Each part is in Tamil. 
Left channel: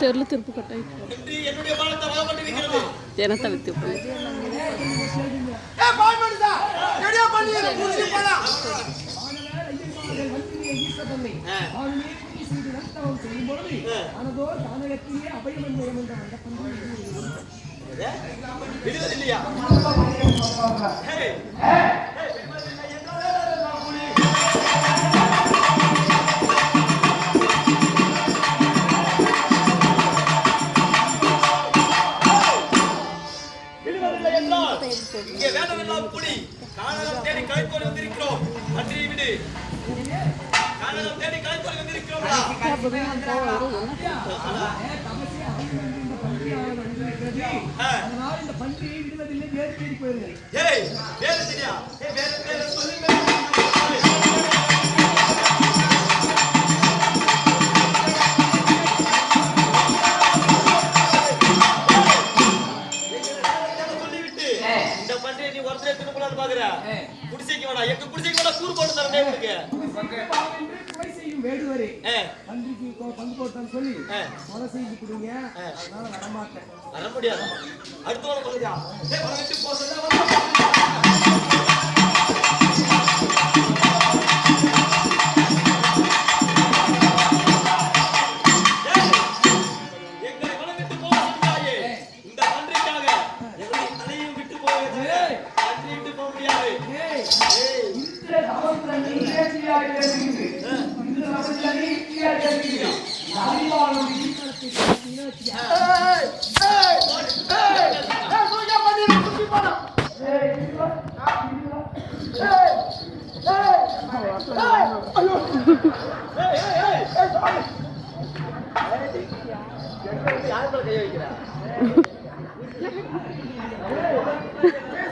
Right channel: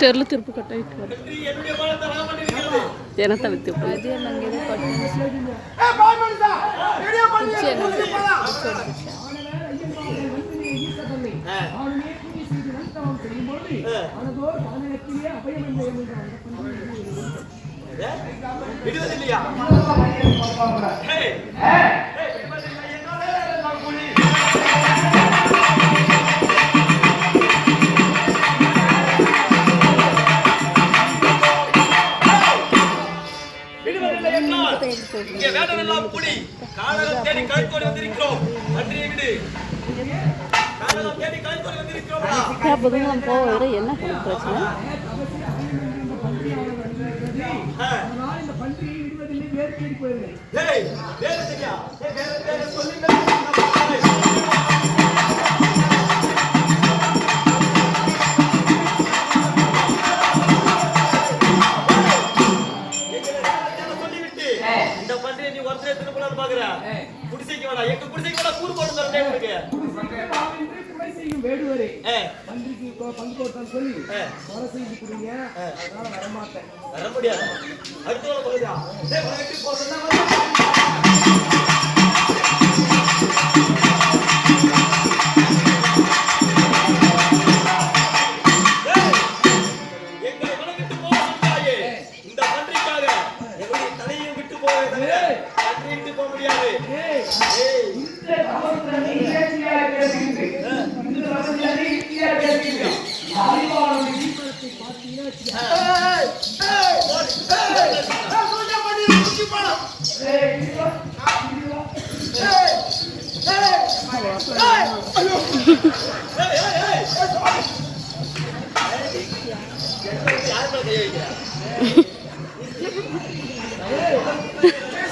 தெருல திருப்பு கட்டாய் ஜனத்தை வித்து விடுவதில்லையா? இங்கே வேடமெல்லாம் கூடி கானகம் தேடி கலைத்தோடி வந்திருக்கிறோம். நன்றி விடு. கானகம் தேடி கலைத்தோடி வந்திருக்கிறோம். என்ன இந்த பண்டிகையை விடுவதில்லை. வேறு தேடி போயிருங்க. வேற சரியா? வேற சொல்லி குடிசைக்கு வேணா எங்க குடிசைக்கு வேணா கூறு போட்டு தரனே உங்களுக்கு குறை செய்யும் வேடுவரே பந்திக்கு பங்கு போட்டான்னு சொல்லி கொலை செய்து கொடுங்க. அதனால வரமாட்டேன். வர முடியாது. அடுத்த வேலை போகுதா? வரட்டு போசல்ல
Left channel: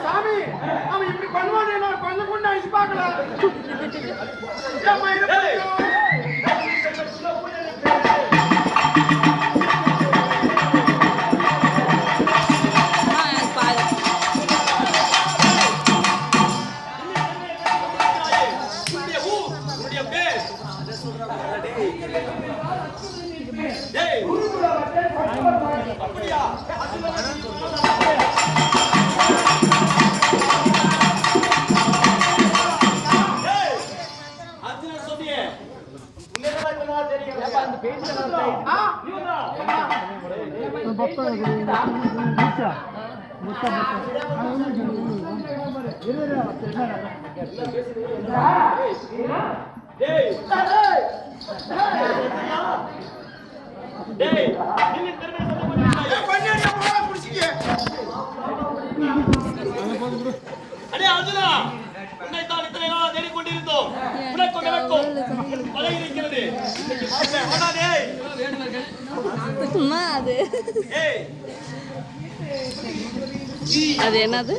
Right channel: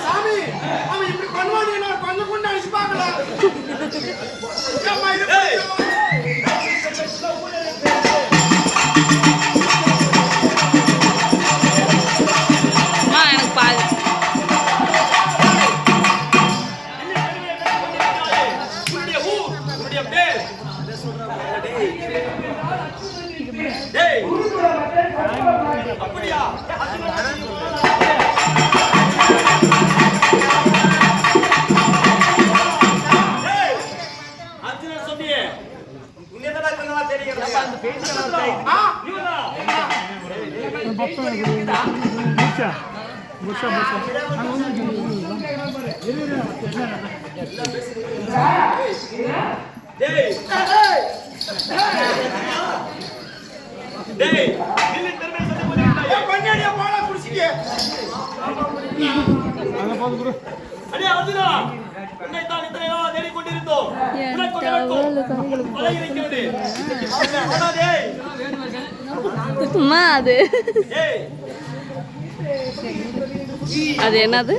சாமி அவன் இப்படி பண்ணுவானே நான் கொஞ்சம் கொண்டு அடிச்சு பார்க்கலாம். அப்படியா? அர்ஜுனன் சொன்னியே உன்னதான் என்னவா தெரியும்? அந்த பேச்சு அர்ஜுனா உன்னைத்தான் இத்தனை நாளா தேடிக் கொண்டிருந்தோம். உனக்கும் எனக்கும் மழை இருக்கிறது. அது என்னது?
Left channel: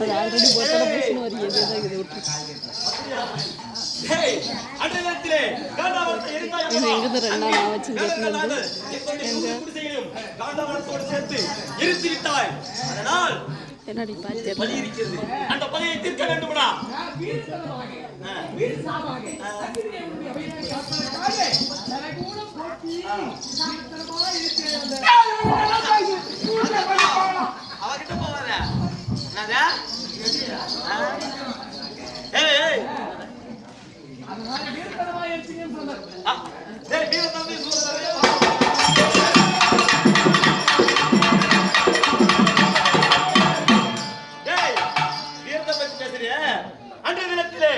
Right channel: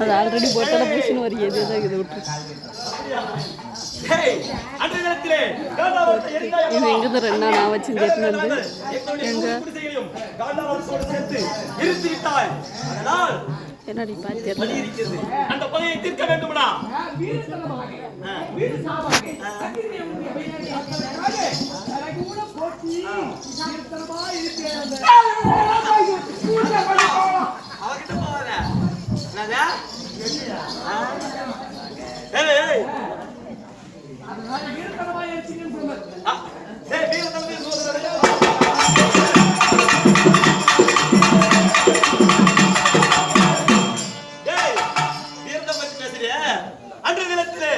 அது ஆல்ரெடி போட்டல புஷ்னு வருது. இது விட்டு இது எங்க ரெண்டா நான் வச்சு கேட்கணும். என்னடி பாத்து அந்த பகையை தீர்க்க வேண்டும்டா. அவகிட்ட போவாத என்னதா? அன்றைய தினத்திலே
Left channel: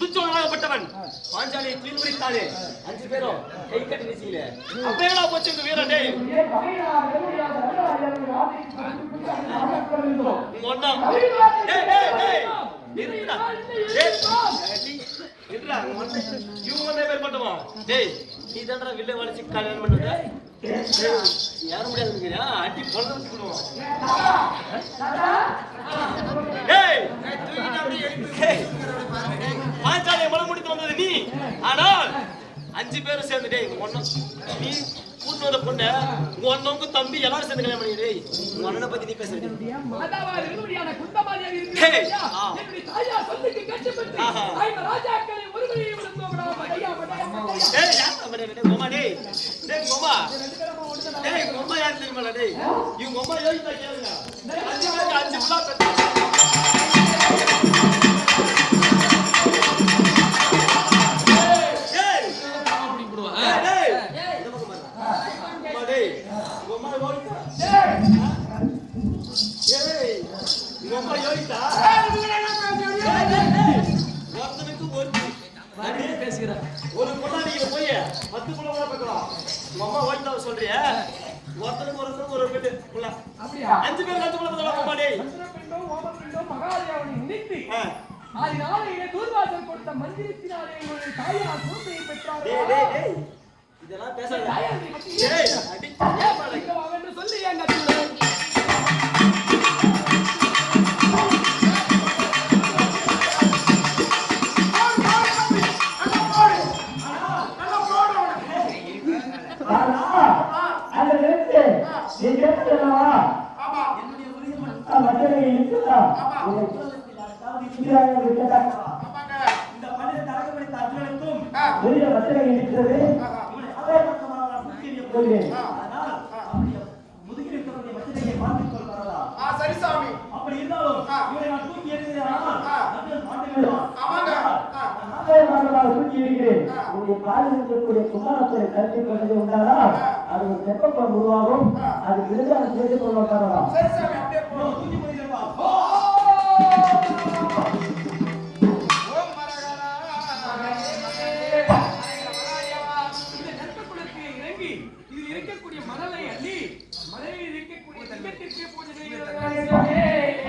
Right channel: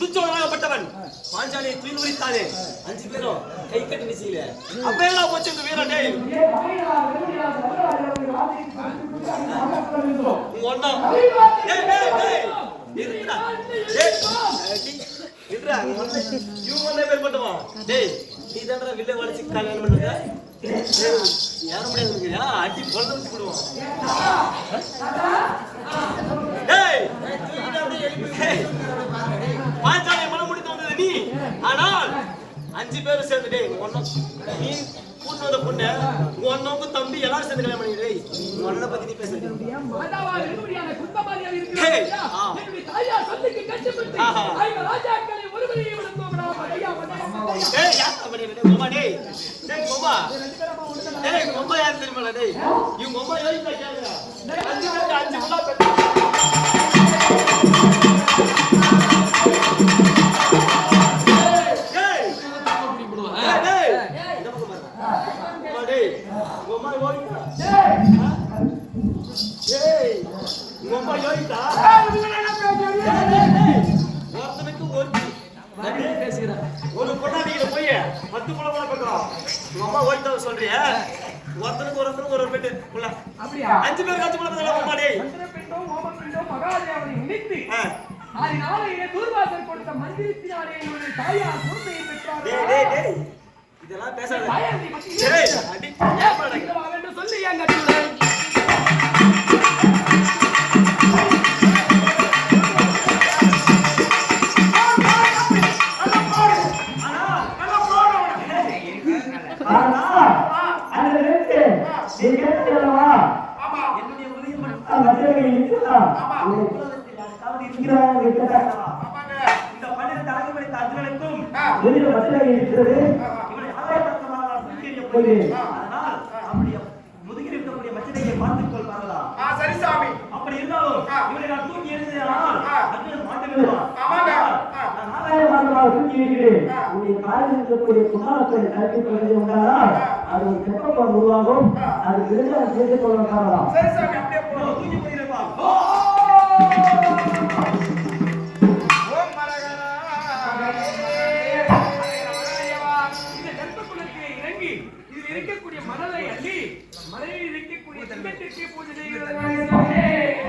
துச்சோதனாகப்பட்டவன் பாஞ்சாலியை துயில் உரித்தானே 5 பேரும் கை கட்டி வீசிக்கல. அப்ப என்ன போச்சு இந்த வீரன்? டேய் ஒண்ணா டேய் டேய் டேய் இருடா. டேய் இருடா. இவங்க பேர் மட்டுமா? டேய் நீ தான்டா வில்ல வளைச்சு கல்யாணம் பண்ணது. யார முடியாதுங்கறியா? அடி பொளந்து வச்சு விடுவோம். டேய் பாஞ்சாலியை மனம் முடித்து வந்தது நீ. ஆனால் 5 பேரும் சேர்ந்து டேய் நீ கூட்டு வந்த பொண்ணு உன்னவங்க தம்பி எல்லாரும் சேர்ந்து கல்யாணம் பண்ணிடு. உங்க அண்ணனை பத்தி நீ பேசுறீங்க. டேய் யார் அப்படி டேய் மாமா டேய் மாமா டேய் மாமா யார் தெரியுமா டேய் இவங்க மாமா யோசிச்சா கேளுங்க டேய் 5 பேருக்கு 5 புள்ள பெத்த டேய் அப்படி போடுவா டேய் இந்த பக்கம் பாரு மாமா டேய் மாமா யோசிச்சா டேய் மாமா யோசிச்சா இவங்க என்ன பேசுறாங்க ஒருத்தனுக்கு ஒருத்தி பேசுகிறா ஒரு பொண்ணாடிக்கிற போய் 10 புள்ள கூட பார்க்கலாம் உங்க அம்மா ஓடிட்டா சொல்றிய ஒருத்தனுக்கு ஒரு பெட்டு புள்ள அப்படியா 5 பேருக்கு 5 புள்ள பார்த்தா அம்மா டேய் சந்திரபிண்டம் மோமபிண்டம் மகாதேவனை நினைத்து அதனாலே தூர்வாசல் கொடுத்த மந்திரத்தினாலே உங்களுடைய தாயார் குழந்தையை பெற்றார் டேய் இதெல்லாம் பேசாத டேய் அடி ஏப்பாடா என்று சொல்லி எங்க இந்த 12 தலைக்கு படித்த அர்ஜுனனுக்கும் அதனால் அப்படி முதுகில் இருக்கக்கூடிய மச்சனையை பார்த்துக் கொள்வார்களா சரி சாமி அப்படி இருந்தாலும் இவரை நான் தூக்கி எறிந்தேனால் அர்ஜுனன் மாண்டு விடுவான் ஆமாங்க சரி சாமி அப்படியே போடுவோம் தூக்கி போயிருப்பா ஓம் மரகரா இந்த கர்ப்பகுலத்திலே இறங்கி இதில் இருக்கக்கூடிய மணலை அள்ளி மலையில் இருக்கக்கூடிய தங்கத்திற்கு பூஜை செய்கிறது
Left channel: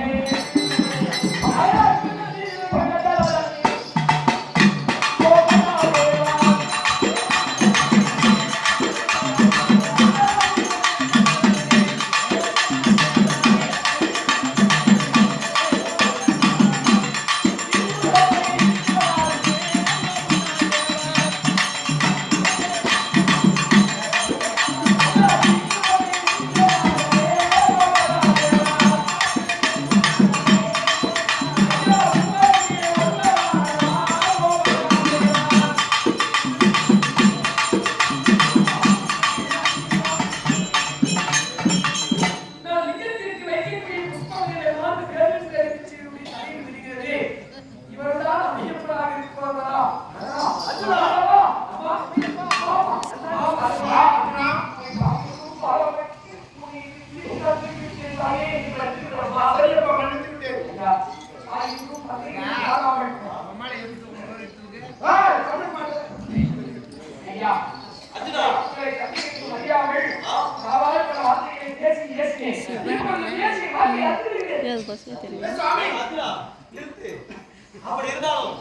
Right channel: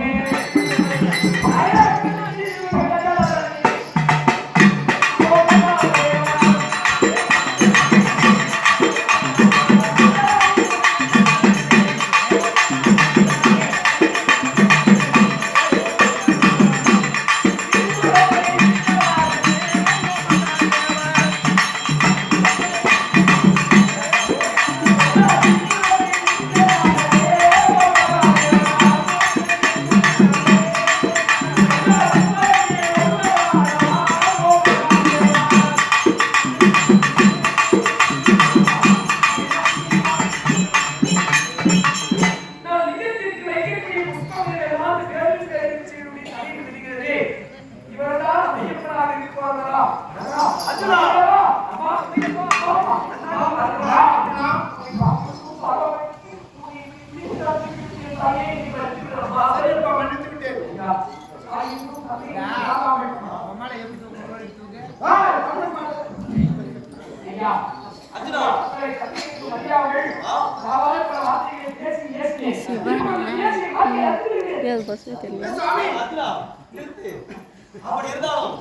அப்படி இருந்தாலும்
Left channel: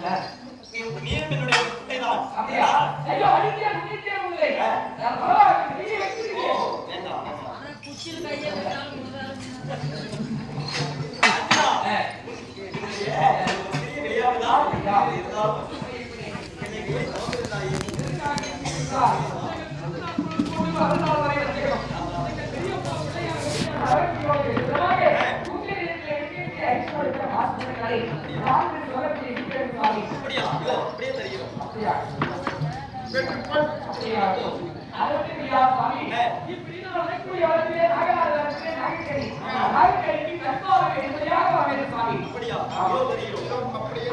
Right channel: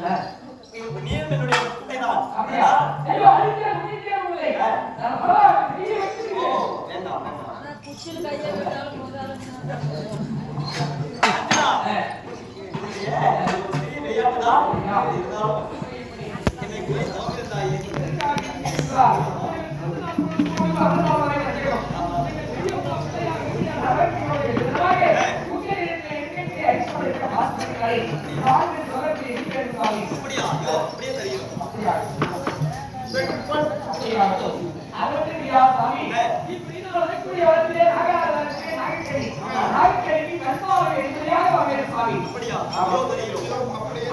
நீ என்னுடைய பிள்ளைதான்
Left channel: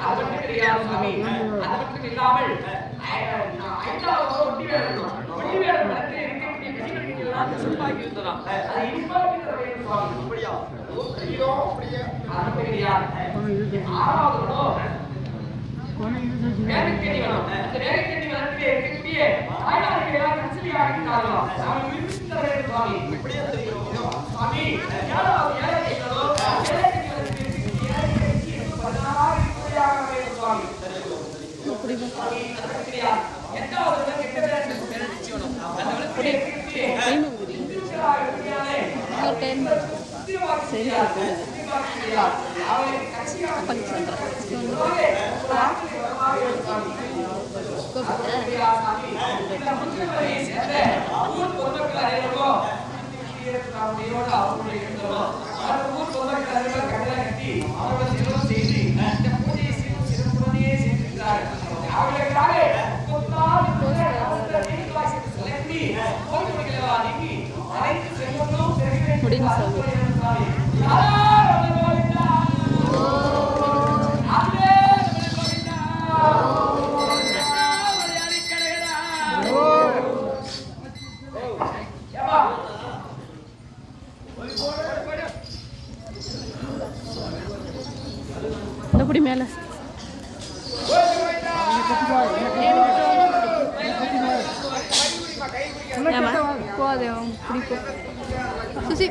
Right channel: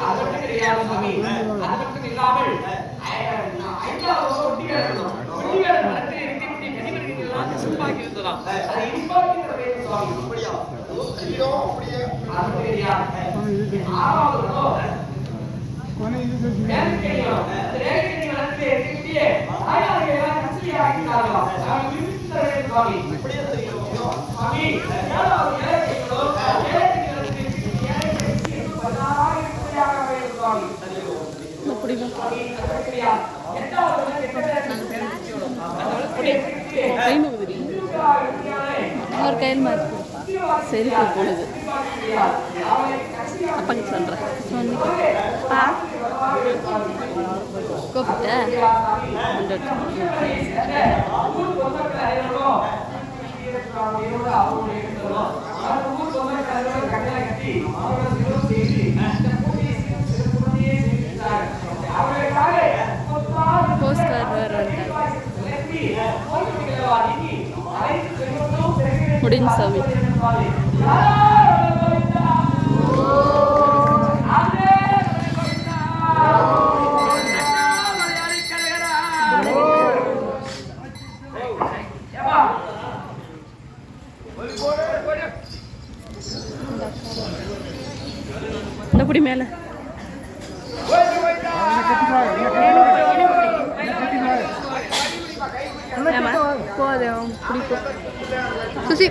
அது மட்டும் இல்லாமல் ஐந்தாவது ஒட்டி வேடணும் ஒட்டி வேட மரத்தில் இருக்கக்கூடிய கனிமணிகள் எல்லாம் கசப்பாகி இருந்ததாம் அதை இனிப்பாக்கி தர வேண்டும் சுவாமி அப்படியா ஐயோ அப்படியே அது மட்டும் கிடையாது ஆறாவது வேலைக்கணி வனம் அந்த வேலைக்கணி வனத்திலே இருக்கக்கூடிய தாயார்கள் எல்லாம் கச்சலியாக இருக்கிறார்களோ அவர்கள் விரும்பி தர வேண்டும் சுவாமி அப்படியே தெரிகிறோம் சுவாமி ஏழாவது ஏழைகளோ ஏழைக்கணி வனத்தில் இருக்கக்கூடிய ஏழைகளுக்கு 16 ரூபாயாக வேண்டும் சுவாமி எட்டாவது கெட்ட பேர் நிச்சயம் அந்த வனத்திலே சரி போகுது அப்பங்க சொல்கிறேன் அவர்களுக்காக மேலே போதும் பிடிக்கும் சுசி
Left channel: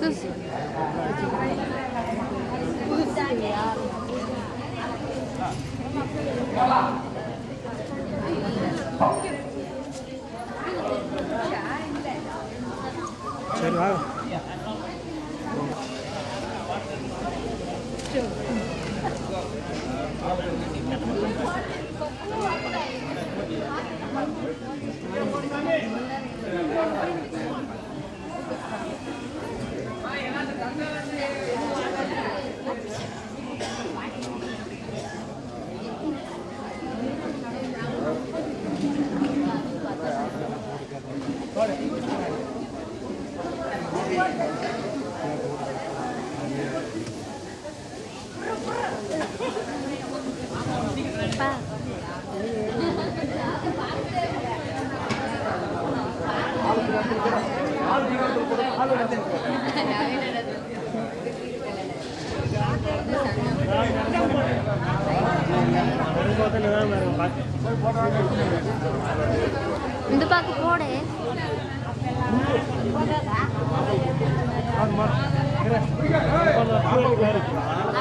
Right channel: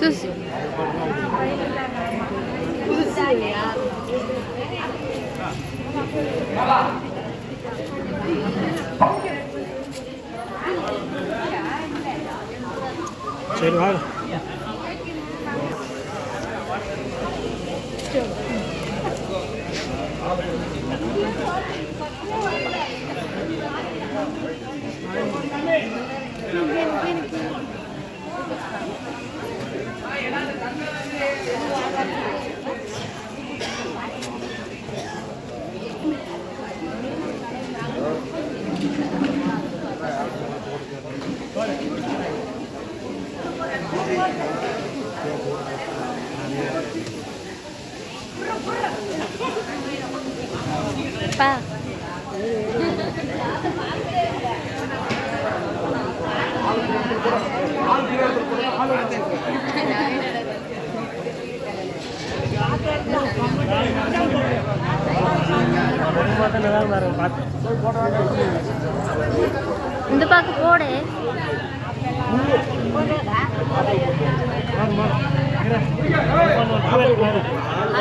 சுசி சரி வாங்க இந்த பாக்கு போடு